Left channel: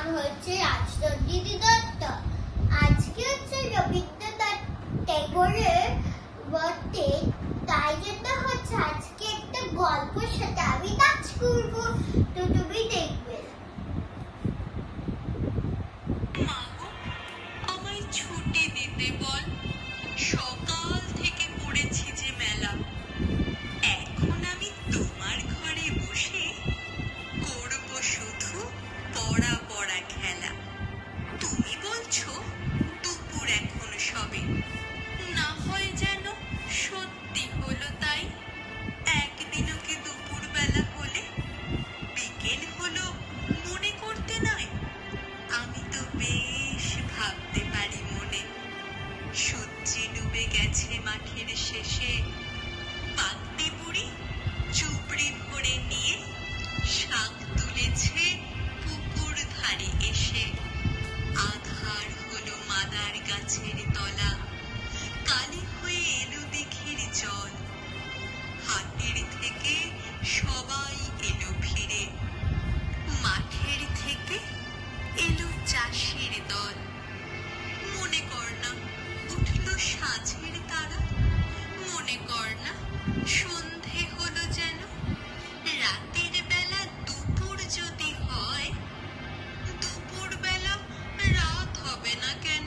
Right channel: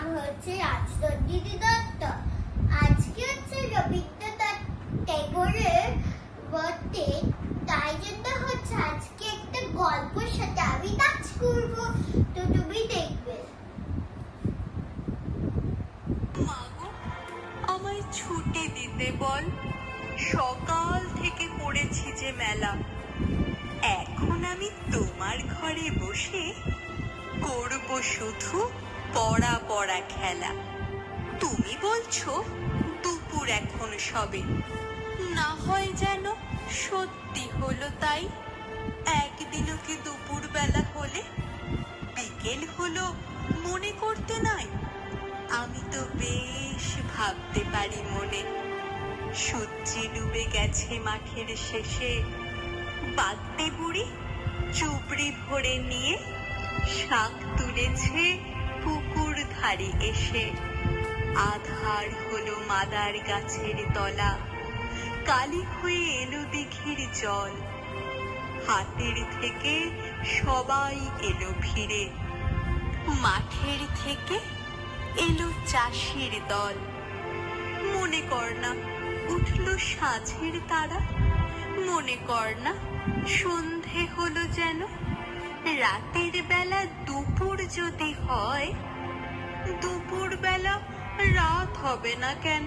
নাম হচ্ছে রাজচন্দ্রিনী দত্ত। আজকে হচ্ছে রবীন্দ্রনাথ ট্যাগরের বার্থডে, তাই জন্য হচ্ছে আজকে একটা গল্পের সাথে আমি নাচ করব, তো তুমি দেখবে। মাগো, আমায় ছুটি দিতে বল, সকাল থেকে পড়েছি যে মেলা। এখন আমি তোমার ঘরে বসে করব শুধু পড়া পড়া খেলা। তুমি বলছো দুপুর এখন সবে, না হয় যেন সত্যি হলো তাই। একদিনও কি দুপুর বেলা হলে বিকেল হলো মনে করতে নাই? আমি তো বেশ ভাবতে পারি মনে। সূর্যি ডুবে গেছে মাঠের শেষে, বাগদে বুড়ি চুবড়ি ভরে নিয়ে শাক তুলেছে পুকুর ধারে এসে। আধার হলো মাদার গাছের তলা, কালি হয়ে এলো দিঘির জল। হাটের থেকে সবাই এলো ফিরে, মাঠের থেকে এলো চাষির দল। মনে কর না উঠলো সাঁঝের তারা, মনে কর না সন্ধে হলো যেন। রাতের বেলা দুপুর যদি হয়, দুপুর বেলা রাত হবে না কেন?